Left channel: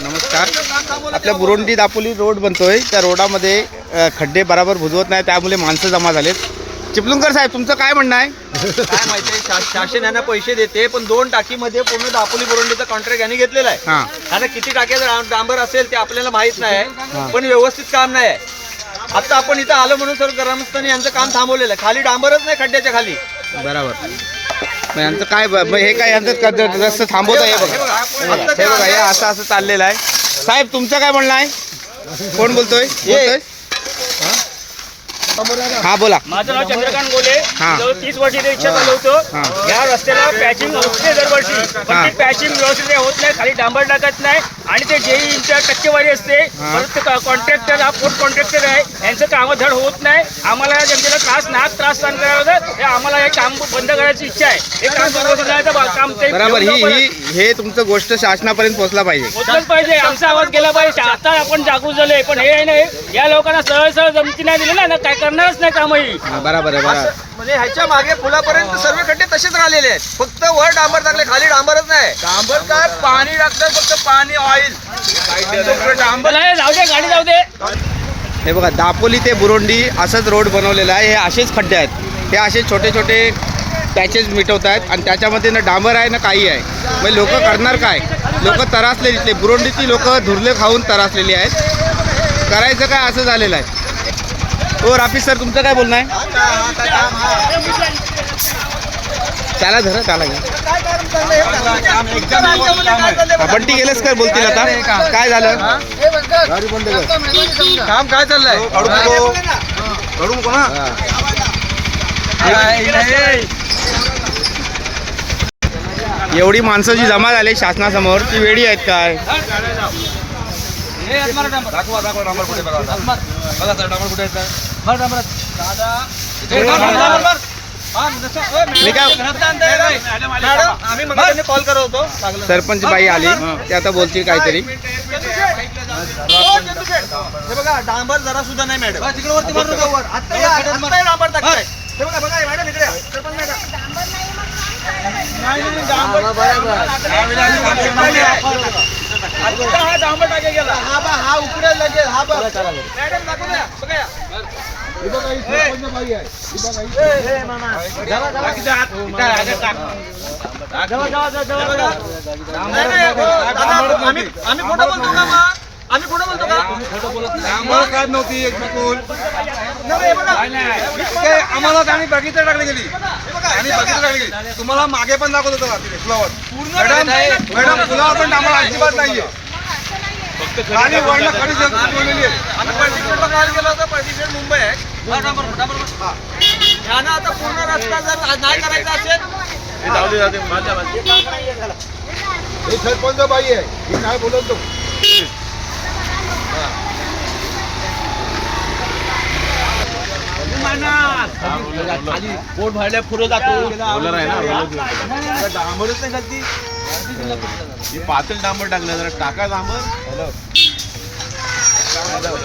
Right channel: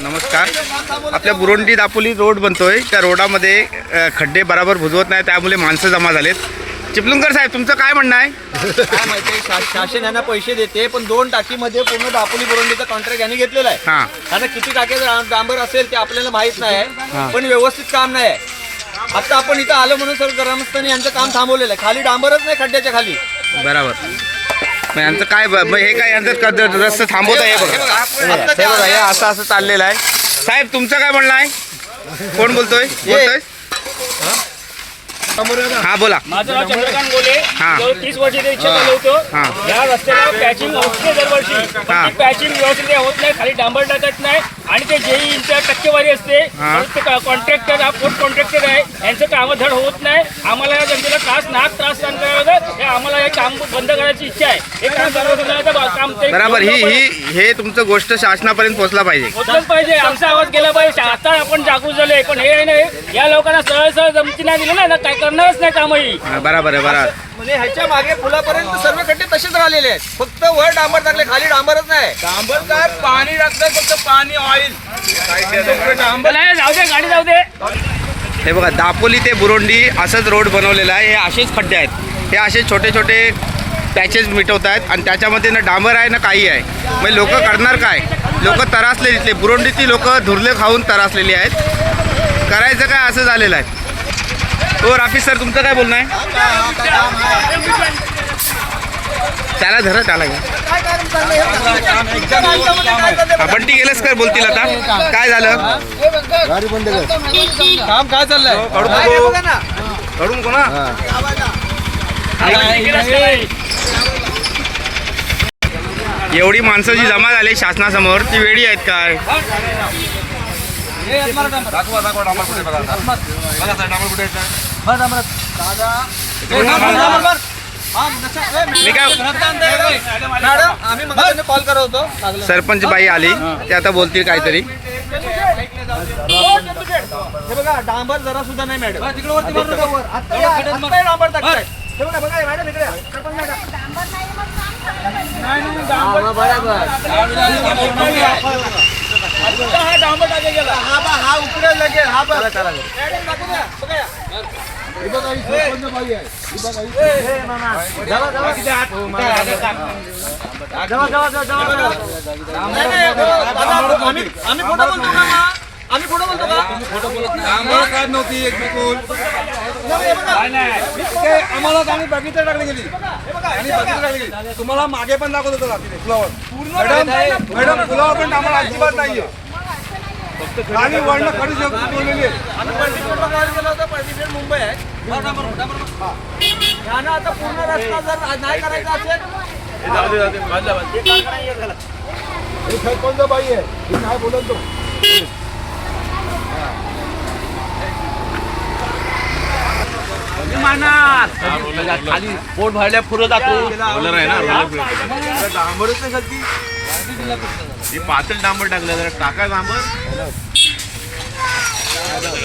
नमस्कार. आपल्या बुरोंडी दापोली रोड बनतोय. त्या रोडामध्ये खड्डे बराबर बुजवत नाही, त्यामुळे माणसं जमा झालेत. चिपळूणकर साहेब, तुमचं काय म्हणणं आहे? काय माहिती, शासन यांना पैसे देते, पण 2 टाकीमध्ये पूर्ण दापोली बुरोंडीचा कॉन्ट्रॅक्ट यांनी घेतलेला आहे. त्यांना किती टाक्याचं डांबर असेल ते आपल्याला माहित नाही, पण व्यवस्थित काम नाही आहे. आता आपण इथं आलो म्हणून सर ग्रामस्थांनी यांचं काम थांबवलेलं आहे. खाली डांबरच नाही खड्ड्याच्या खाली. बरोबर. मग यांचं काय हे काय यांचं रस्ता थांबवत आहे? हे बघा हे असं चाललेलं आहे. साहेब, तुमचं काय म्हणणं आहे? कोण बोलतोय? हा बोला. माझं नाव चंद्रकांत गोले. 30 वर्षी इच्छा चालवतो. या रस्त्याला पॅचिंग होते दरवर्षी, पण पॅचिंग व्यवस्थित होत नाही, खाली डांबर टाकत नाही आणि ते जेईच्या टक्केवारी असते. कॉन्ट्रॅक्टर हा पोस्ट कॉन्ट्रॅक्टर आहे, यांचं काम धड होत नाही. आम्हाला जनतेला त्रास सहन करायला होतं. आम्हाला हे काम बंद करायची इच्छा आहे. हे काम काम बरोबर. हे तुमचं गोष्ट शासनापर्यंत पोहोचला पाहिजे. आमचा आवाज गेला पाहिजे. आता आपण जागरूक झालोय, पण हे नाही, या लोकांना सरळ जमती नाही दिली ना, काय करणारच नाही कामही. बरोबर आहे. बरोबर. म्हणजे ह्याच्या मागे पुलापर्यंत सर्व खड्डे तसेच राहिलेले आहेत. फक्त वर डांबर टाकले, खाली डांबरच नाही. डांबर काय पाणी टाकतात, फक्त पाणी ऑइल. डांबर जाऊ दे, गाडी जाऊ दे. हे बघा, दापोली ते बुरोंडी असंच रोड बनवलेला आहे. हे असेच खड्डे आहेत. हे असे छोटे छोटे पॅचेस मिटवत आहेत आणि त्याच्यामध्ये ना डांबर आहे ना काही आहे. मग लोक करणार काय? लोक तरासले, इथले बुरोंडीची लोक धुरले खाऊन तरासलेली आहेत. करायचं काय असं झालेलं आहे. हो राफी सर, तुमचं काय बोलणं आहे? त्याला धरा, त्याला घ्या. बंटी गेलेस काय बोलतील आता? काय झालं? काम काय चाललंय? एवढी माणसं जी जमा झाली शासनासमोर, ती वेळी आहेत काय? कॉल करत होतो, सरपंच बाई आली, ते आता बोलतील काहीतरी. हे बघा, डांबर जरा सुद्धा नाही मॅडम. आता डांबर टाकताय. हे बघा बघा मॅडम, इकडे हा डांबर टाके गेला. हा उकडेल लगेच. हा बघा मॅडम, टाकू द्या. बघा हे बघा, ही सरपंच बाई आहे. आम्ही खोटं बोलतो का? आम्ही खोटं बोलतो का? काय नव्हती एक बिलकुल. आम्हाला आम्ही बगीचा टाकली गेली. आणि बगीचा टाकली गेली. तुम्हाला मागे पण दाखवत होतो फुलावर. मॅडम फुलावर पण आम्हाला अजिबात नाहीये. खाली वळणं खाली ठेवलेली आहे. आम्ही पर्टिक्युलरला कॉल केला होता. पर्टिक्युलर मुंबई आहे. त्यानं आता पूर्ण रस्ता जर नाही करायचा असेल, हे सरपंच बाई आहे, हे काय बोलतो. पोट भरल्या पुरं जातो. डांबरच नाही खालती. पातळ डांबर टाकलं, जरा टाका डांबर.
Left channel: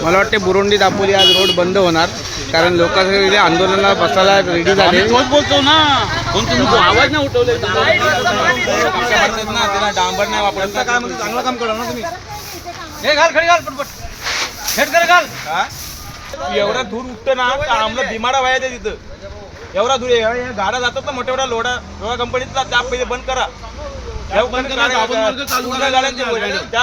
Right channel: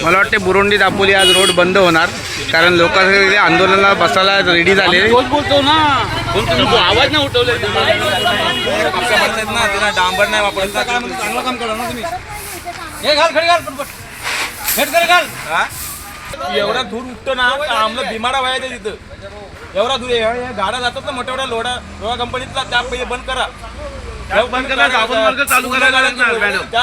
मला वाटते बुरोंडी दापोली आज रोड बंद होणार, कारण लोक आंदोलनाला बसायला रेडी झाले. बोलतो ना, आवाज नाही उठवले. डांबर नाही वापरता. चांगलं काम करा ना तुम्ही. हे घाल, खडी घाल, पटपट हेड कर, घाल. एवढा धूर उठतो ना, आम्हाला बिमाडा व्हायचा तिथं. एवढा धूर आहे. गाड्या जातात ना मोठ्या मोठ्या लोढा कंपनीतला, त्या पहिले बंद करा. त्या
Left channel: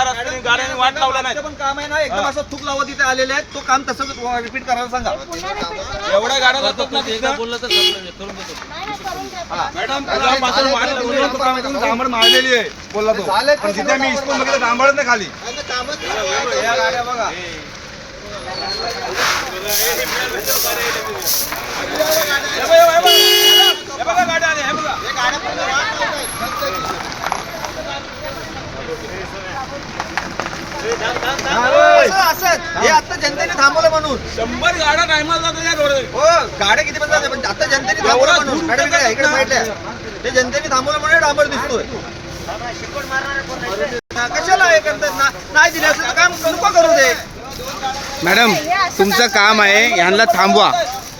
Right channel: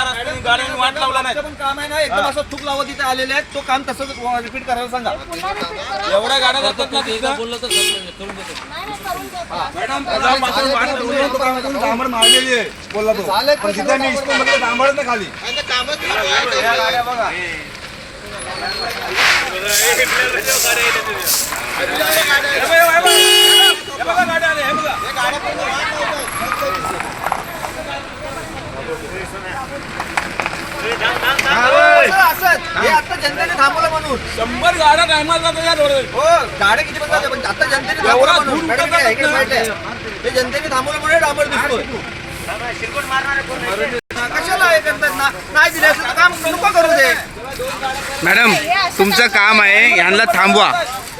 रस्त्याने गाड्यांनी वाट लावला नाही. पण काम आहे ना, एकदम असं थूक लावत तिथे आलेले आहेत. तो काम तसंच रिपीट करायला सांगा. एवढ्या गाड्या जातात ना तिथं. बोललं तर डांबर मारलेली आहे बोलला तो. पण तिथे मी इस्कूल डांबरच नाही खाली. गाड्या बघा, आता जनतेने थांबवलं म्हणून 100 गाड्या टायमाला जातात या रोडवर. हो, गाड्या किती पण जातात, पण आता जनतेने थांबवलं म्हणून. ते जनतेने थांबवलं म्हणून डांबर दिसतोय. कशाला हे करतात ना? नाही दिलं काम नको करू दे. मॅडम, तुमचं काम आहे, यांना थांबवा,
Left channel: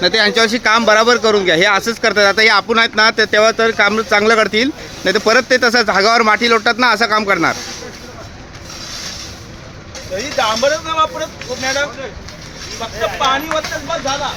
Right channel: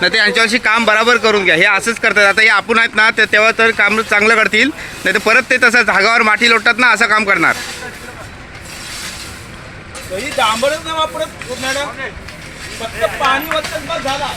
नाही तर यांच्यावर्षी काम बरोबर करून घ्या. हे असंच करतात. आता हे आपण आहेत ना, तेव्हा तर काम चांगलं करतील, नाही तर परत ते तसं जागावर माठी लोटतात ना, असं काम करणार. तरी डांबरच नाही वापरत मॅडम, फक्त पाणी वरच बस झाला.